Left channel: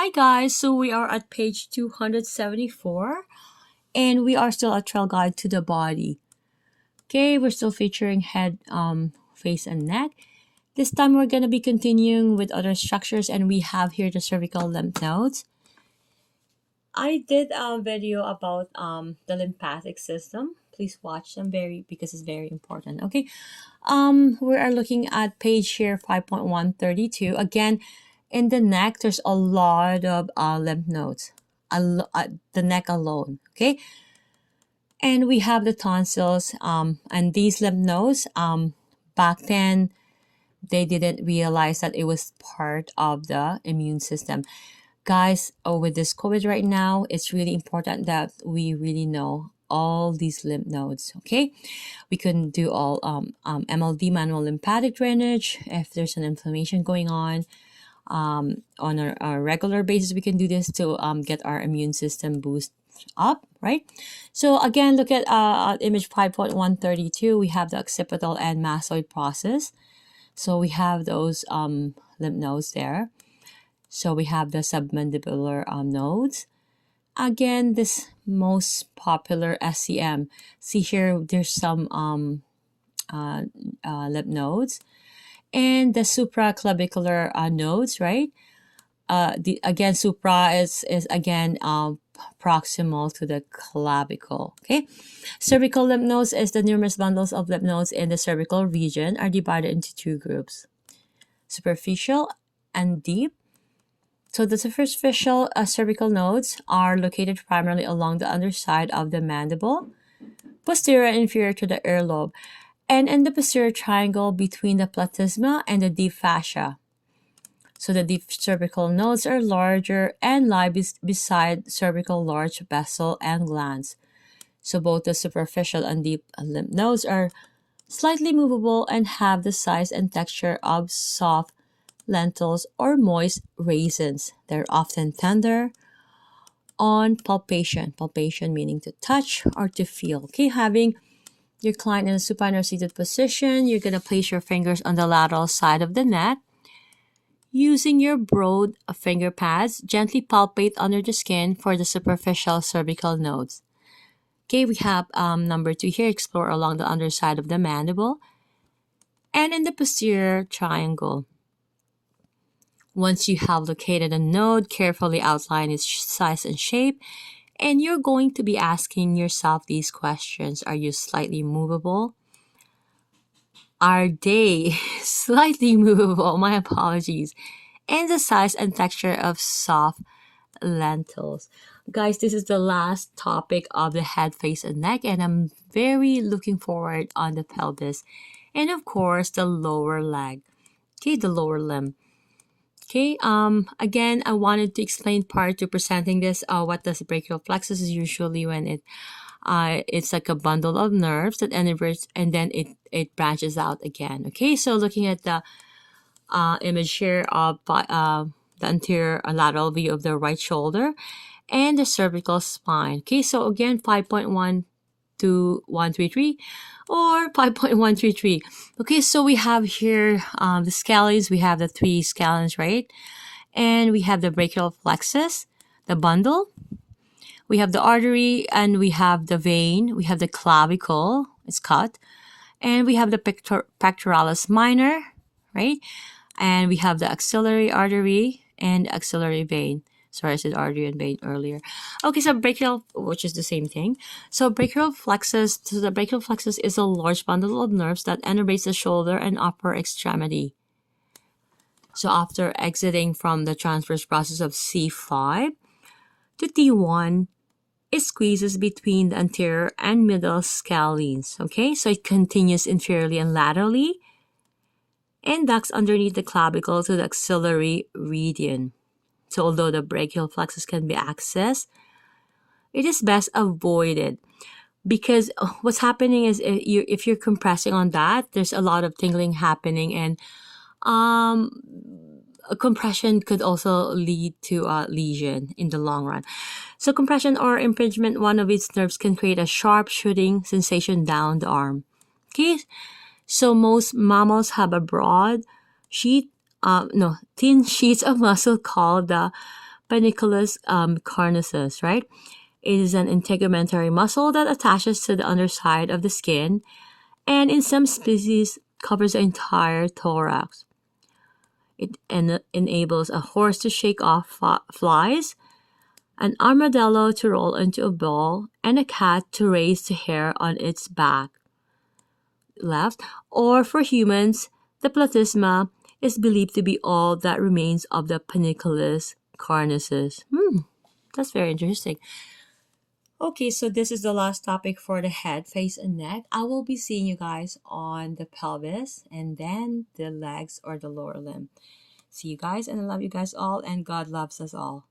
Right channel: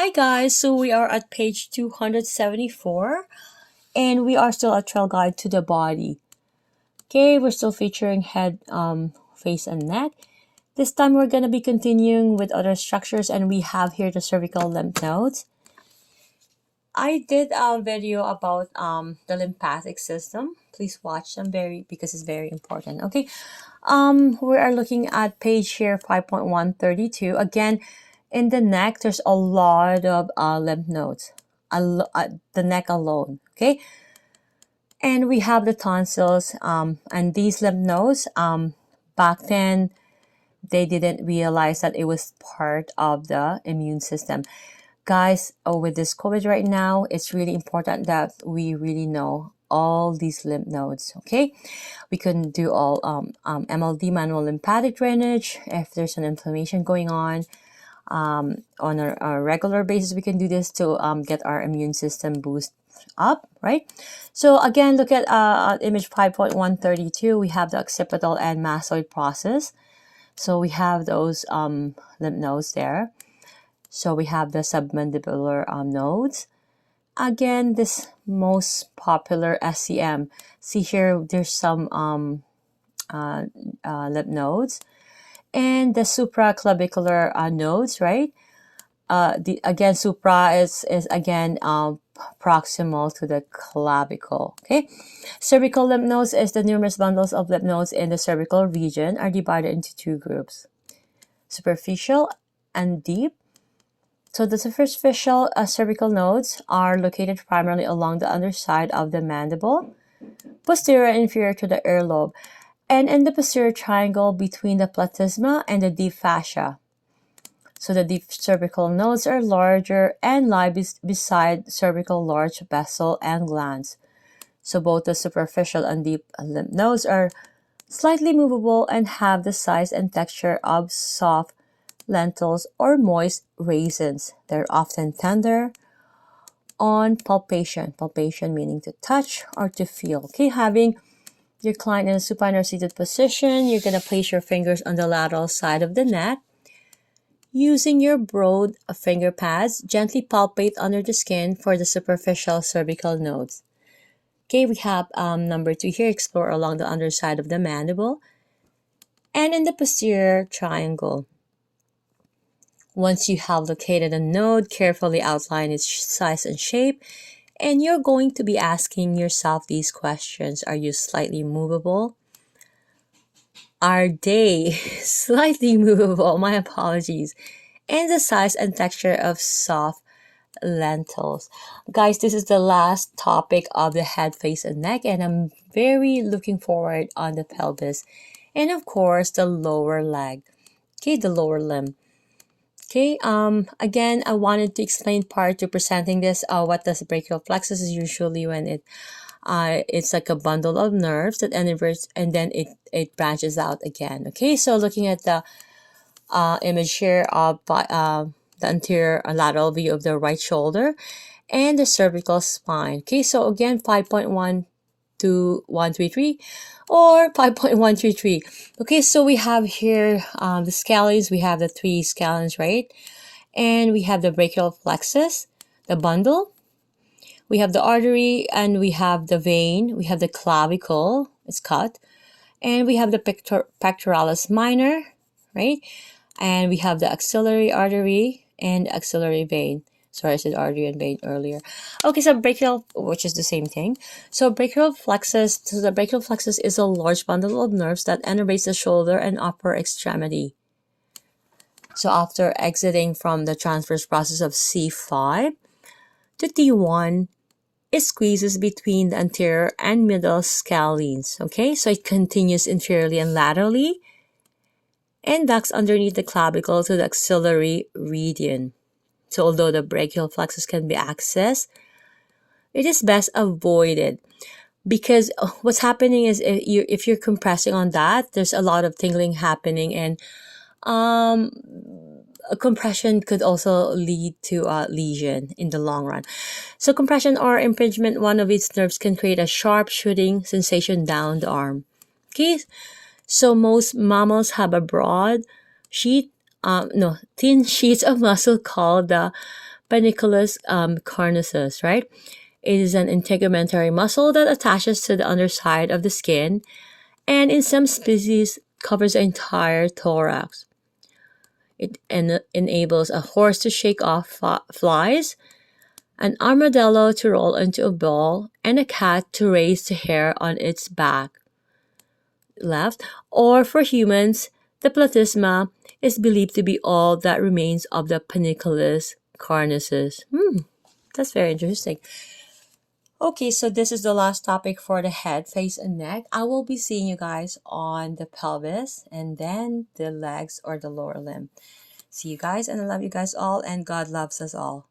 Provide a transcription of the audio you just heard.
Hi guys, so we are at page 274 and we are still at Trail Guide to the Body. Okay, we're still featuring head, face and neck. This time we're going to be continuing with other structures and we have here the cervical lymph nodes. I did a video about the lymphatic system. Please watch them because it's very important. Okay, we are looking at page here 5.132. Again, in the neck, there's a lot of lymph nodes, the neck alone, okay? And we have the tonsils, and these lymph nodes, back then, they didn't realize that it was part of the immune system. Guys, with this COVID right now, it's really important that we really know all these lymph nodes, okay? We can do all MLD, manual lymphatic drainage, if there's an inflammation going on a regular basis. We can do this to get our immune system boost up, right? So again, look at image 5.132. We have the occipital and mastoid process. So we have those lymph nodes there. So we have the submandibular nodes. Again, this most popular SCM. See here, there's some lymph nodes. And the supraclavicular nodes, right? Again, supra is again proximal to the clavicle. Okay, cervical lymph nodes is the numerous bundles of lymph nodes in the cervical region are divided into two groups: superficial and deep. So the superficial cervical nodes are located primarily along the underside of the mandible, posterior and inferior to the earlobe, and in the posterior triangle between the platysma and the deep fascia. So the deep cervical nodes are larger and lie beside cervical large vessel and glands. So both the superficial and deep lymph nodes are slightly movable and have the size and texture of soft lentils or moist raisins. They're often tender on palpation. Palpation meaning to touch or to feel. Okay, having your client in a supine or seated position, you're going to place your fingers on the lateral side of the neck. Using your broad finger pads, gently palpate under the skin for the superficial cervical nodes. Okay, we have number 2 here, explore along the underside of the mandible and in the posterior triangle. Once you have located a node, carefully outline its size and shape, and you're going to be asking yourself these questions. Are you slightly movable? Are they slightly movable? My apologies. And the size and texture of soft lentils. Guys, this is the last topic of the head, face, and neck, and I'm very looking forward on the pelvis. And of course, the lower leg. Okay, the lower limb. Okay, again, I wanted to explain prior to presenting this, what the brachial plexus is usually when it's like a bundle of nerves that innervates and then it branches out again. Okay, so looking at the image here of the anterior lateral view of the right shoulder and the cervical spine. Okay, so again, 5.12133 or 5.133. Okay, so we have here the scalens. We have the 3 scalens, right? And we have the brachial plexus, the bundle. We have the artery and we have the vein. We have the clavicle, it's cut. And we have the pectoralis minor, right? And we have the axillary artery and axillary vein. Sorry, I said artery and vein earlier. Okay, so brachial, which is the same thing. So brachial plexus, so the brachial plexus is a large bundle of nerves that innervates the shoulder and upper extremity. So after exiting from the transverse process of C5 to T1, it squeezes between the anterior and middle scalenes. Okay, so it continues inferiorly and laterally and ducts underneath the clavicle to the axillary region. So although the brachial plexus can be accessed, it is best avoided because what's happening is if you're compressing on that, there's a lot of tingling happening, and a compression could also lead to a lesion in the long run. So compression or impingement one of its nerves can create a sharp shooting sensation down the arm. Okay, so most mammals have a broad sheet, thin sheets of muscle called the Panniculus carnosus, right? It is an integumentary muscle that attaches to the underside of the skin, and in some species covers the entire thorax. It enables a horse to shake off flies, an armadillo to roll into a ball, and a cat to raise the hair on its back. Left, or for humans, the platysma is believed to be all that remains of the panniculus carnosus. That's very interesting. Okay, so this is the last topic for the head, face, and neck. I will be seeing you guys on the pelvis and then the legs or the lower limb. See you guys, and I love you guys all, and God loves us all.